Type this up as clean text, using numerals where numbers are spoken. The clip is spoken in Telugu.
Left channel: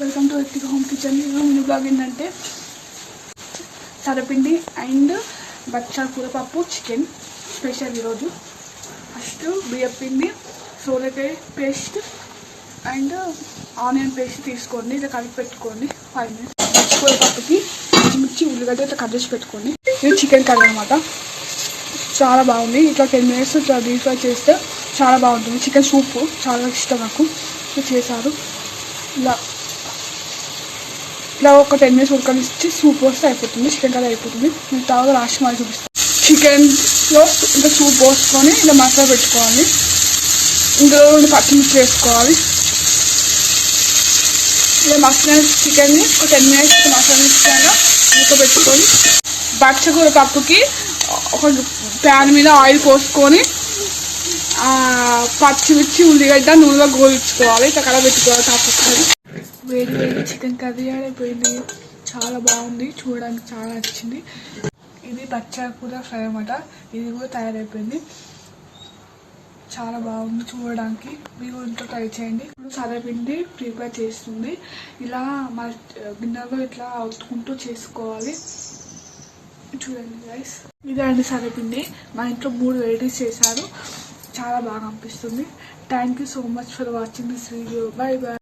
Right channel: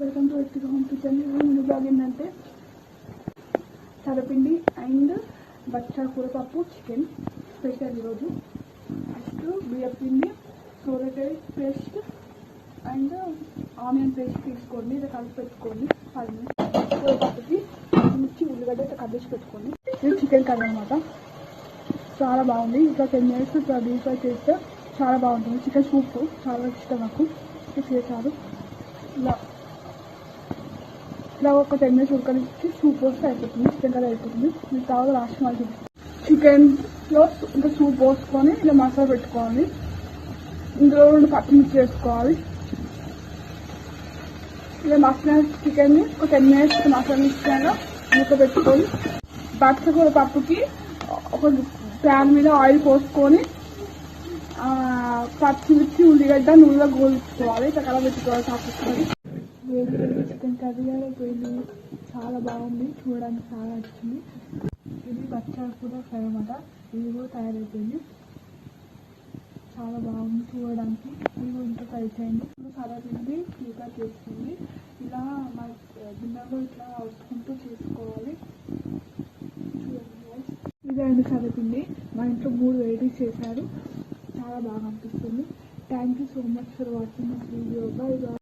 Welcome to Ethika home kitchen. Mini blog ఏంటంటే సరపిండి అండ్ బచ్చాల కూర పప్పు చికెన్ స్పెషల్ ఈరోజు. ఫస్ట్ బియ్యం పిండి, సోరకాయ పేస్ట్ అండ్ ఆనియన్ పేస్ట్ తీసుకోండి, ఇలా కలిపి పెట్టుకోండి 5 minutes. కూర పప్పుకి పచ్చిమిర్చి ఉల్లిగడ్డ ఇట్లా కట్ చేసి పెట్టుకోండి. ఇది చికెన్ కర్రీ అనమాట, చాలా బాగుంది. ఇట్లా 10 minutes ఇట్లా డీప్ ఫ్రై చేస్తే చాలా బాగుంటుంది. చికెన్ సూప్ చాలా ఇష్టం నాకు, ఇట్లా చేశారు. ఇలా ఒక 10 minutes ఉడకనిచ్చి సూప్ పోస్తే అయిపోతుంది, చికెన్ కర్రీ అయిపోతుంది. నేను తర్వాత లాస్ట్ మళ్ళీ చూపిస్తాను. చికెన్లో ఇంకా సూప్ పోసుకొని ఇలా మసాలా పెట్టుకోవాలి. ఇందులో 2 పచ్చిమిర్చి వేసుకోవాలి. ఇలా మసాలా చికెన్ని ఒక 10 minutes మసాలా ఇచ్చాక ఉడకబెట్టుకొని బచ్చకూర పప్పుకి ఒక ప్యాన్ మీద ఆయిల్ పోసుకొని పచ్చిమిర్చి ఉల్లిగడ్డ నూనెలో గోలించుకోవాలి. ఇట్లా కలబెట్టుకోవాలి. కాకపోతే వేడి వేడి చికెన్ కర్రీ అయిపోయింది, చాలా బాగుంది, చూడడానికి చాలా నచ్చింది. ఇది బచ్చాల కూర ఫ్రై అన్నమాట. ఇది కూడా తయారైపోయింది, చాలా బాగుంది చూడడానికి. మీరు ఇంట్లో ట్రై చేయండి. ఇప్పుడు సరపిండి ప్రిపేర్ చేస్తుంది. ఇలా మా గిన్నెలో ఇట్లా అవుతుకుంటూ చేసుకోవాలి. చూడండి గైస్, ఇదే అండి సరపిండి. మా ఇంట్లో 3 వెరైటీస్ చేశారు, చాలా బాగా అనిపిస్తుంది. Thank you so much for watching this video. Bye bye.